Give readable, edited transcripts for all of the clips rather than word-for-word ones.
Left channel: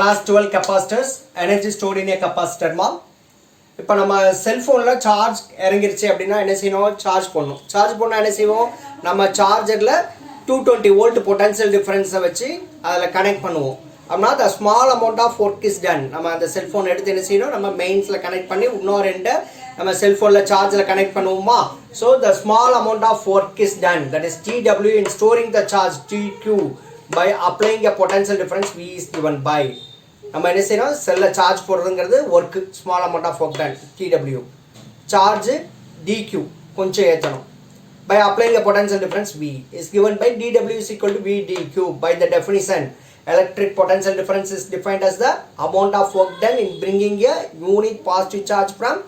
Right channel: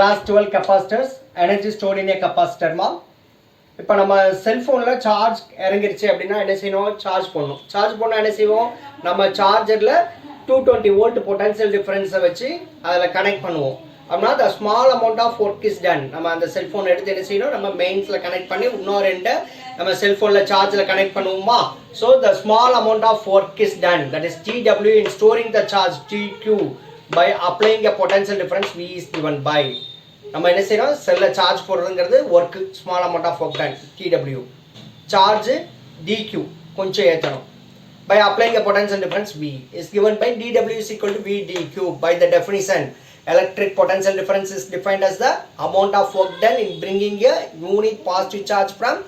Class 12 capacitors, energy stored in a capacitor மா. இப்போ நம்ம செல்ஃபோனில் சார்ஜ் இறங்கிருச்சு அப்படின்னா என்ன செய்யணும், சார்ஜ் பண்ணணும் என்ன செய்வோம், நம்ம சார்ஜரில் 220 வோல்ட் பொட்டன்ஷியல் டிஃபரன்ஸை வச்சு அதில் கனெக்ட் பண்ணுவோம். அப்படின்னா the small amount of work is done. நம்ம அந்த செல்ஃபோன் எடுத்து என்ன செய்யணும், நம்ம மெயின்ஸில் கனெக்ட் பண்ணி இன்னொரு ரெண்டை நம்ம செல்ஃபோனில் சார்ஜில் கனெக்ட் பண்ணுவோமா. So the small amount of work is done, that is TW in storing the charge TQ by applying a potential difference V is given by. நம்ம என்ன செய்யணும், செல்லில் சார்ஜ் போடுறதுங்கிறது work, small amount of work done TW, charge DQ கொஞ்சம் ஏற்றணும். By applying a potential difference V is given by dW is equal to V dQ. By the definition, electric potential difference is defined as the amount of work done in bringing a unit positive charge from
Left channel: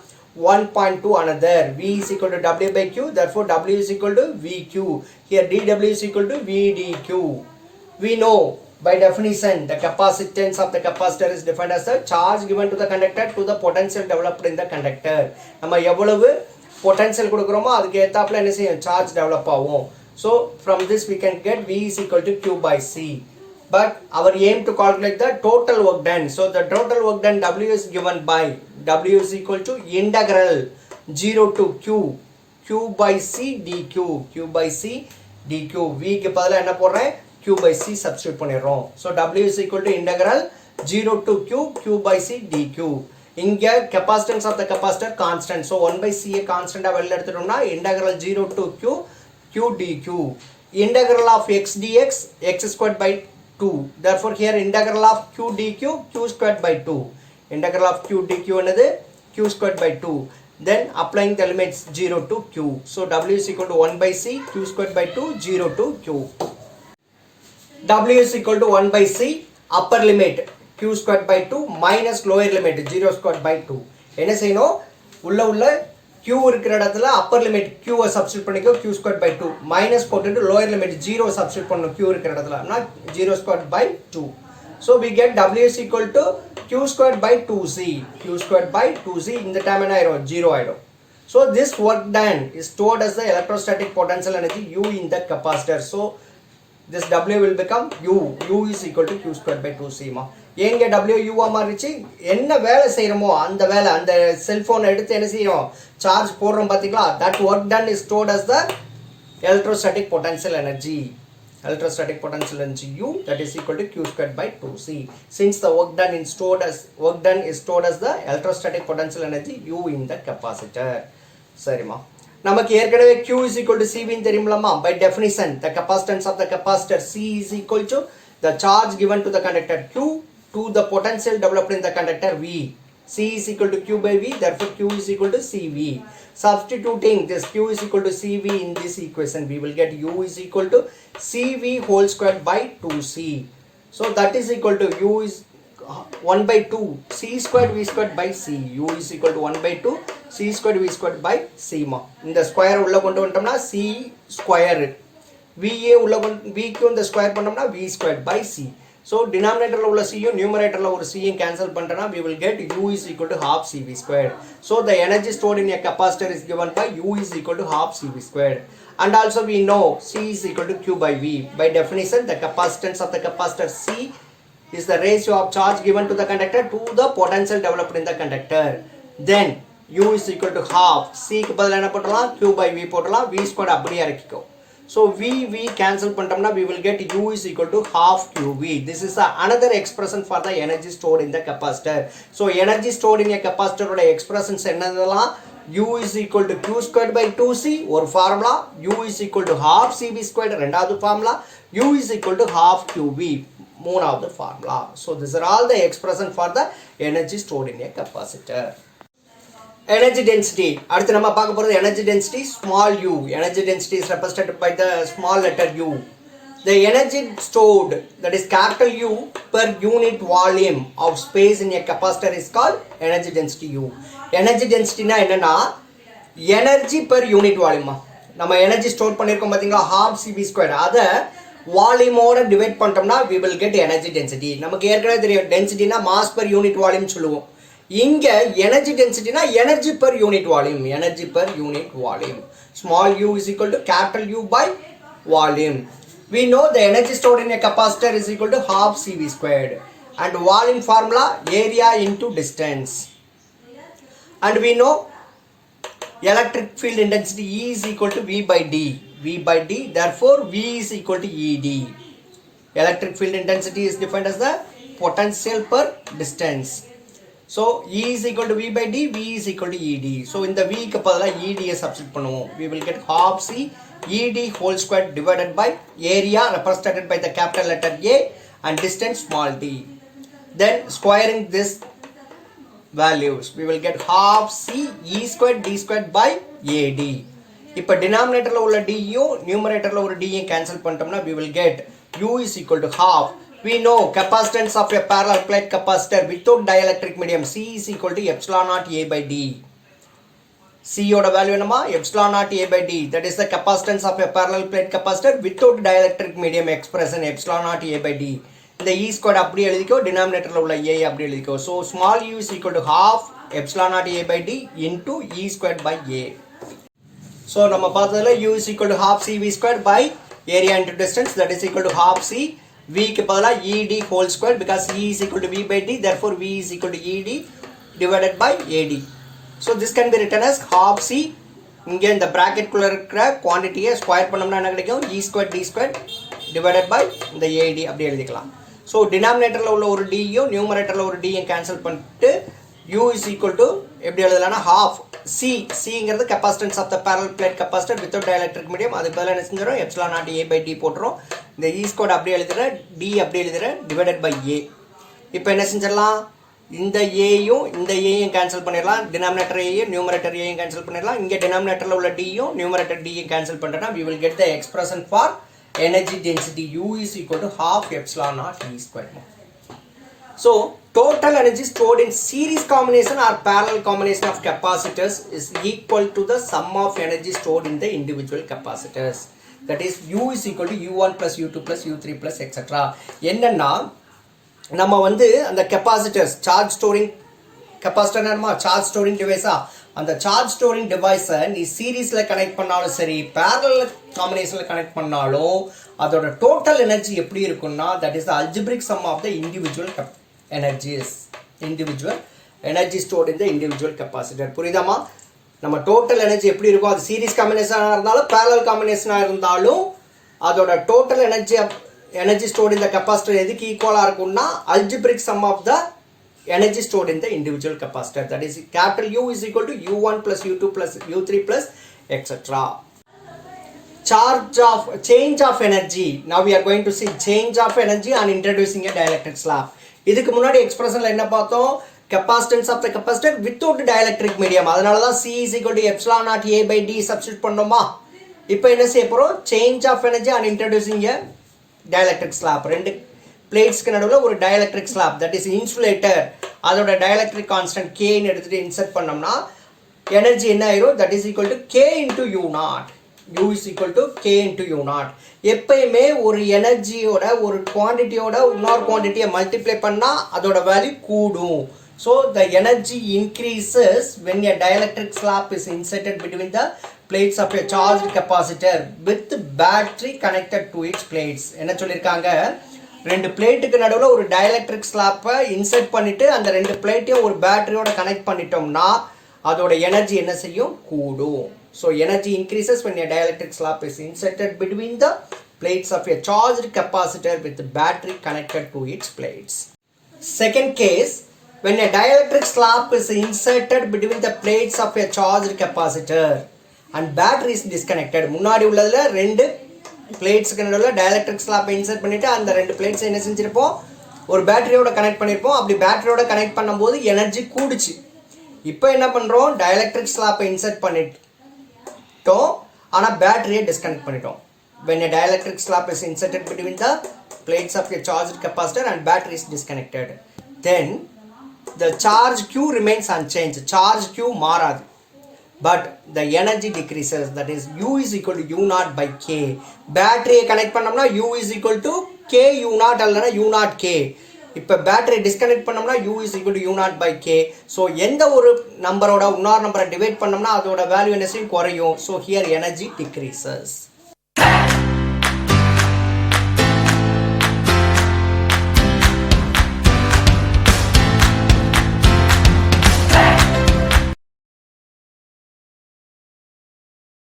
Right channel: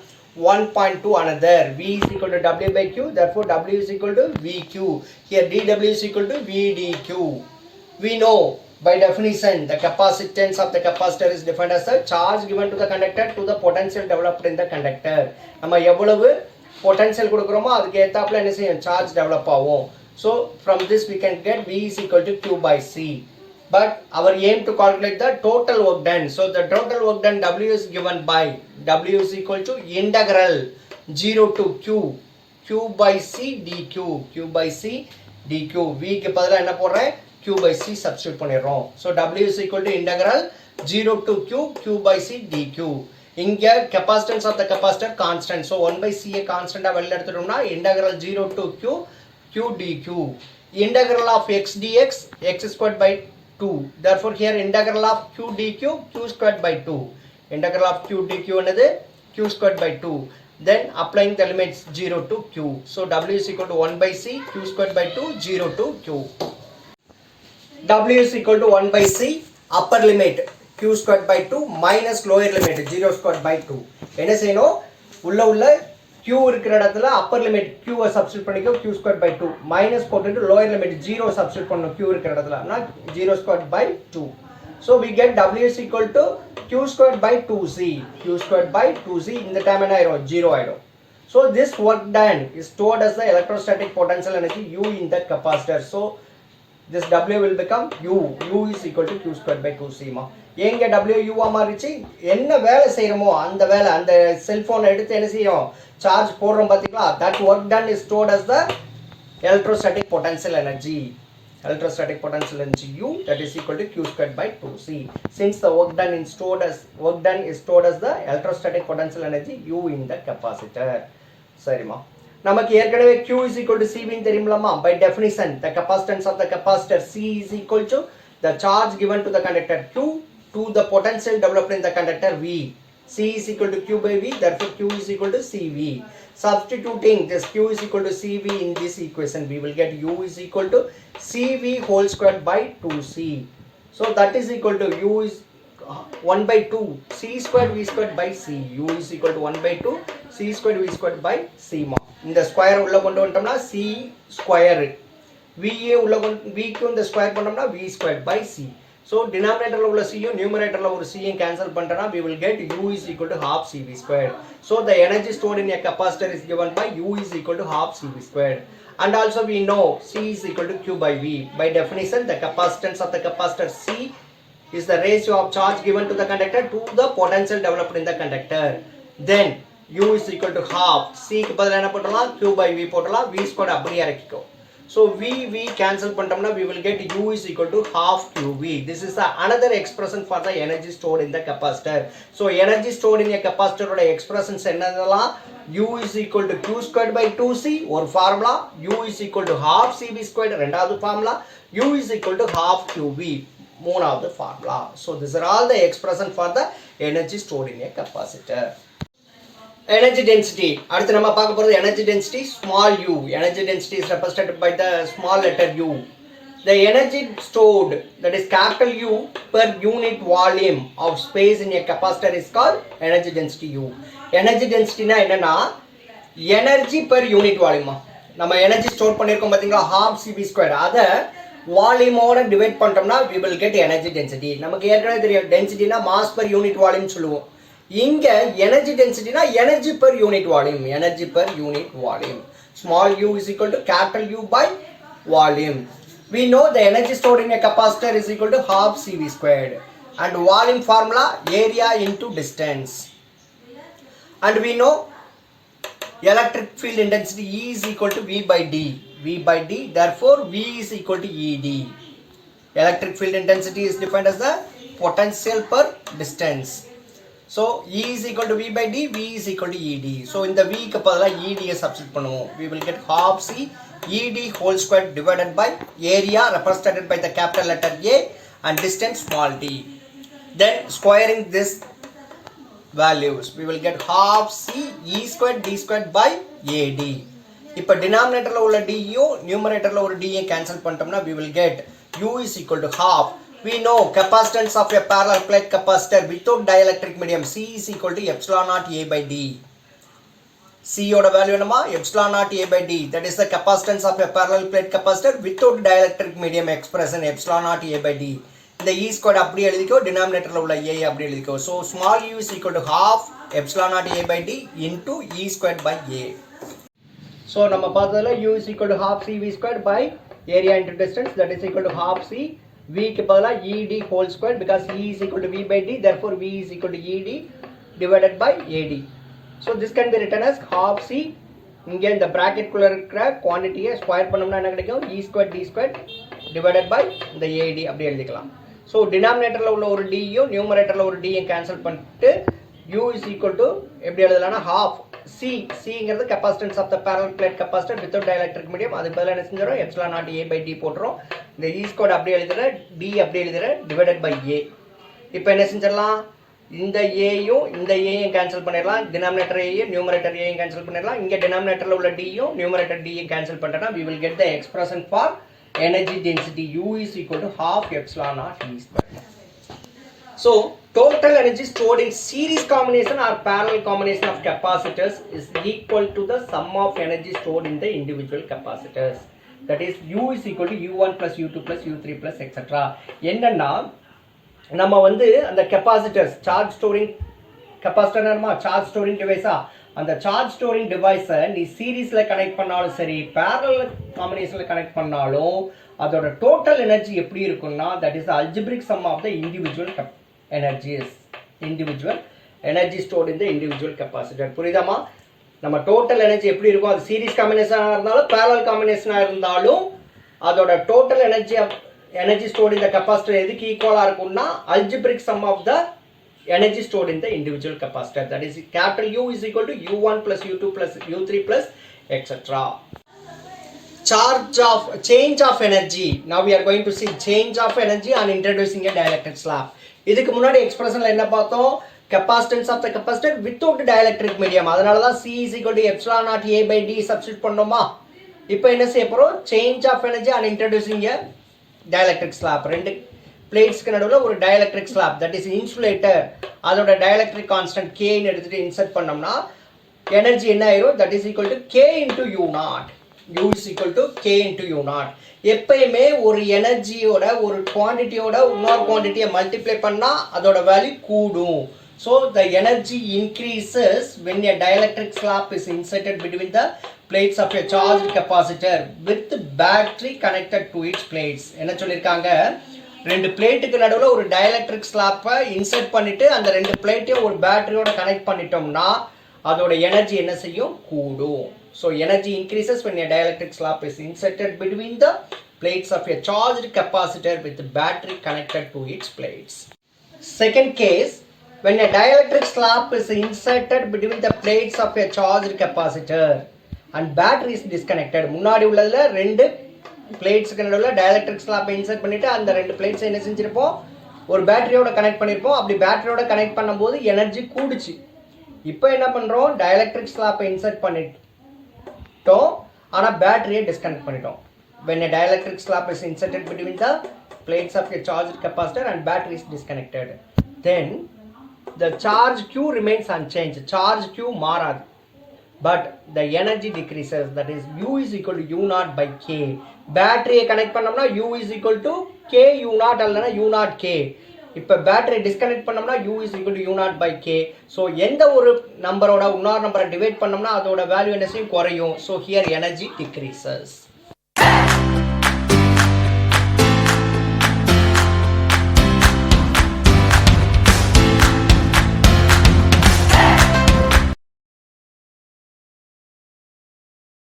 one point to another. V is equal to W by Q, therefore W is equal to VQ. Here dW is equal to V dQ. We know by definition the capacitance of the capacitor is defined as the charge given to the conductor to the potential developed in the conductor. நம்ம எவ்வளவு potential கொடுக்கிறோமோ அதுக்கு ஏத்தாப்புல என்ன செய்யும், charge develop ஆகும். So from this we can get V is equal to Q by C. But our aim to calculate the total work done. So the total work done W is given by W is equal to integral 0 to Q by C dQ. Q by C dQ. V க்கு பதிலா என்ன போடுறேன், Q by C substitute பண்ணிடுறோம். So W is equal to integral 0 to Q by C dQ. இங்க capacitance of the capacitor constant. So 1 by C constant வெளில எடுத்துட்டோம்னா integral 0 to Q dQ. Integral of x dx x squared by 2. Therefore here integral of Q dQ Q squared by 2. Integral of Q dQ என்னது, Q squared by 2. Then applying the limits 0 to Q. So W is equal to 1 by C Q squared by 2 0 to Q. W is equal to 1 by C upper limit Q squared by 2 minus lower limit 0 squared by 2. என்ன செய்யணும், உள்ள Q இருக்கிற இடத்துல upper limit Q substitute பண்ணிக்கோ, Q squared by 2 minus போட்டுட்டு lower limit 0 substitute பண்ணணும் Q இருக்கிற இடத்துல, 0 squared by 2. So we get W is equal to Q squared by 2C. Q squared by 2C இந்த term என்ன ஆயிடும், 0 ஆயிடும். So this work done is stored as the electrostatic potential energy U in the capacitor. So this W will become U. U is equal to Q squared by 2C மா. எங்க W U மாறிச்சு, என்ன வேலை செய்யறோமோ அந்த வேலை, அந்த cellphone எடுத்து என்ன செய்யும், சார்ஜ் போடுறோம் பாத்தீங்களா, that work done is stored as the electrostatic potential energy. Electrostatic potential energy U, that is equal to Q squared by 2C. Since the work done is stored as the electrostatic potential energy U in the capacitor. சரிமா, நமக்கு ஏற்கனவே Q is equal to CV தெரியும்லமா. By definition the capacitance of the capacitor C is equal to the charge given to the conductor Q to the potential developed in the conductor V. C is equal to Q by V, therefore Q is equal to CV. Substituting this Q is equal to CV in this equation, we will get U is equal to CV whole squared by 2C. So that is equal to U is 1 by 2 C squared V squared by C. U is equal to 1 by 2 C squared V squared by C மா. இந்த square உள்ள கொண்டு வந்துட்டோம்னா C square, VA உள்ள Vக்கு இந்த square பண்ணோம்னா V squared by C. So denominatorல உள்ள C யும் numeratorல ஒரு C யும் cancel பண்ணிட்டோம்னா we will get U is equal to half CV squared. So the energy stored in a capacitor is given by U is equal to half CV squared. And also we know C is equal to Q by V. By definition the capacitance of the capacitor C is the ratio of charge given to the conductor to the potential developed in the conductor. Then U is equal to half. C க்கு பதிலா என்ன போடலாம், Q by V போடலாம், V squared அப்படியே இறக்கிக்கோ. So V cancel பண்ணிட்டோம்னா we will get U is equal to half QV. This is the another expression for the energy stored in the capacitor. So energy stored in a capacitor ஓட expressions என்னதெல்லாம், U is equal to Q squared by 2C ஒரு formula, U is equal to half CV squared ரெண்டாவது formula, U is equal to half QV மூணாவது formula. So these are all the expression for the energy stored in a capacitor. Energy density, அடுத்து நம்ம பார்க்க போறது energy density small u. Energy density is represented by the small letter u. The energy stored, that is capital U per unit volume of space in a capacitor is called energy density U. Energy density na என்னன்னா energy per unit volume. நம்ம energy store பண்ணிருக்கோம் பாத்தீங்களா, half CV squared, அத volume ஓட divide பண்ணிட்டோம்னா we will get energy density. நமக்கு ஏற்கனவே தெரியும் density na mass per unit volume சொல்லுவோம். இங்க energy density na energy per unit volume. Energy per unit volume. Small u is equal to capital U by volume. We know the energy stored in a capacitor is equal to half CV squared. and volume formula area into distance. And we know electric field intensity E is equal to V by D. V by D, therefore V is equal to ED. Electric field intensity is defined as the potential per distance. So E is equal to V by D, V is equal to ED. So in the V க்கு பதிலா ED substitute பண்ணுவோம். We will get half C ED whole square divided by area represented by the capital letter A and distance small d. Then squaring this values, we will get half C E squared D squared by AD. இப்போ denominatorல உள்ள D யும் numeratorல ஒரு D யும் cancel பண்ணிட்டோம்னா we will get U is equal to half. We know capacitance of a parallel plate capacitor without dielectric medium C is equal to epsilon naught A by D. C oda value என்னமா epsilon naught A by D, that is the capacitance of a parallel plate capacitor without dielectric medium expression epsilon naught A by D. இந்த E squared அப்படி எழுதிக்கோ, denominatorல உள்ள A அப்படி எழுதிக்கோ. So small u is equal to half epsilon naught A by D into E squared by A. So நம்ம பார்த்ததுல u is equal to half C V squared by area into distance, that is equal to half C V க்கு பதிலா ED whole square because E is equal to V by D, therefore V is equal to ED divided by AD. So this can be written as half C. இங்கே இந்த bracket குள்ள இருக்கிற குவாண்டிட்டியை square பண்ணோம்னா என்ன கிடைக்கும்? E squared D squared divided by இந்த AD அப்படி எழுதிக்கலாம். So denominatorல உள்ள ஒரு D யும் numeratorல ஒரு D யும் cancel பண்ணிட்டு U is equal to எப்படி எழுதலாம்னா half C. Cங்கிறது capacitance of the parallel plate capacitor without dielectric medium. அதுக்கு பதிலா என்ன செஞ்சறோம்? epsilon naught A by D போட்டுறோம். இந்த E squared அப்படி எழுதுற D அப்படி எழுதுற divided by A. இப்போ என்ன செஞ்சிரலாம்? இந்த A யும் இந்த A யும் கேன்சல் பண்ணிரலாம். denominator A யும் numerator A யும் கேன்சல் பண்ணிரலாம். இங்க denominatorல உள்ள D யும் numerator D யும் கேன்சல் பண்ணிட்டா we will get the expression for energy density U is equal to half epsilon naught E squared. So total energy stored in series combination or parallel combination of capacitors is equal to the sum of energy stored in the individual capacitors. That is U is equal to U1 plus U2 plus U3 plus etc. என்னன்னா நம்ம வந்து அந்த capacitors charge storing capacitor charge storing device அந்த charge storing device நீ சீரிஸ்ல connect பண்ணாலும் சரி parallel combinationல connect பண்ணாலும் அதோட total energy எப்படி இருக்கும்னா that is the algebraic sum of the individual energy stored in the individual capacitor. புரியுதாமா? நம்ம total energy எப்படி இருக்கும்? அது சீரிஸ் காம்பினேஷனா இருந்தாலும் parallel காம்பினேஷனா இருந்தாலும் அதோட total energy stored in the capacitor எதுக்கு ஈக்குவலா இருக்கும்னா algebraic sum of the energy stored in the individual capacitor, that is capital U is equal to U1 plus U2 plus U3 plus etc. Change of energy. Now we are going to see change of energy on introducing a dielectric slab. இதுக்கு முன்னாடி எக்ஸ்பிரஷன்ல என்ன பார்த்தோம்? capacitance of the capacitor without dielectric medium. அதனால தான் C is equal to epsilon naught A by D substitute பண்ணோமா? இப்போ என்ன செய்ய போறோம்? change of energy on introducing a dielectric slab. ரெண்டு பிளேட்ஸ்க்கு நடுவுல ஒரு dielectric slab, that is insulator, அதோட dielectric constant K ன்னு எடுத்துட்டு இன்சர்ட் பண்ணோம்னா எனர்ஜி என்ன ஆயிரும்? that is equal to K into U naught. U is equal to K into U naught. எப்பயுமே ஒரு எனர்ஜியோட ஒரு குவாண்டிட்டியோட இன்னொரு குவாண்டிட்டியை மல்டிப்ளை பண்ணா அதோட வேல்யூ கூடும். So the energy increases when a dielectric slab is inserted between the plates of a charged capacitor with battery connected to its plates. என்ன சொல்லிருக்காங்க? ரெண்டு பிளேட்டுக்கு நடுவுல ஒரு dielectric slab இன்சர்ட் பண்ணிட்டு அந்த ரெண்டு பிளேட்டையும் ஒரு பேட்டரியோட கனெக்ட் பண்ணிட்டோம்னா அதோட எனர்ஜி என்ன செய்யும்? கூடும். So energy increases when a dielectric slab is inserted between the plates of a charged capacitor with the battery connected to its plates. Second case, when a dielectric slab is inserted between the plates of a charged capacitor and battery is disconnected. முன்னாடி உள்ளதுல ரெண்டு பிளேட்ஸ்க்கு நடுவுல dielectric slab insert பண்ணிட்டு அந்த ரெண்டு plates என்ன செஞ்சிருப்போம்? ஒரு பேட்டரியோட connect பண்ணிருப்போம். அப்படி பேட்டரியோட கனெக்ட் பண்ணும்போது எனர்ஜி கூடுச்சு. இப்போ என்ன பண்றோம்? dielectric slab இன்சர்ட் பண்ணிட்டோம், ஆனா பேட்டரியை டிஸ்கனெக்ட் பண்ணிட்டோம். When a dielectric slab is inserted between the plates of a charged capacitor and battery is disconnected, then the charge Q remains unchanged. Charge Q மாறாது, but the energy decreases, that is U is equal to U naught by K. பேட்டரியை connect பண்ணோம்னா U is equal to K U naught அல்லனா U naught K. இப்போ battery disconnect பண்ணோம்னா U is equal to U naught by K. So எந்த ஒரு நம்பரோட இன்னொரு நம்பரை divide பண்ணோம்னா அதோட வேல்யூ என்ன செய்யும்? குறையும். So here energy decreases.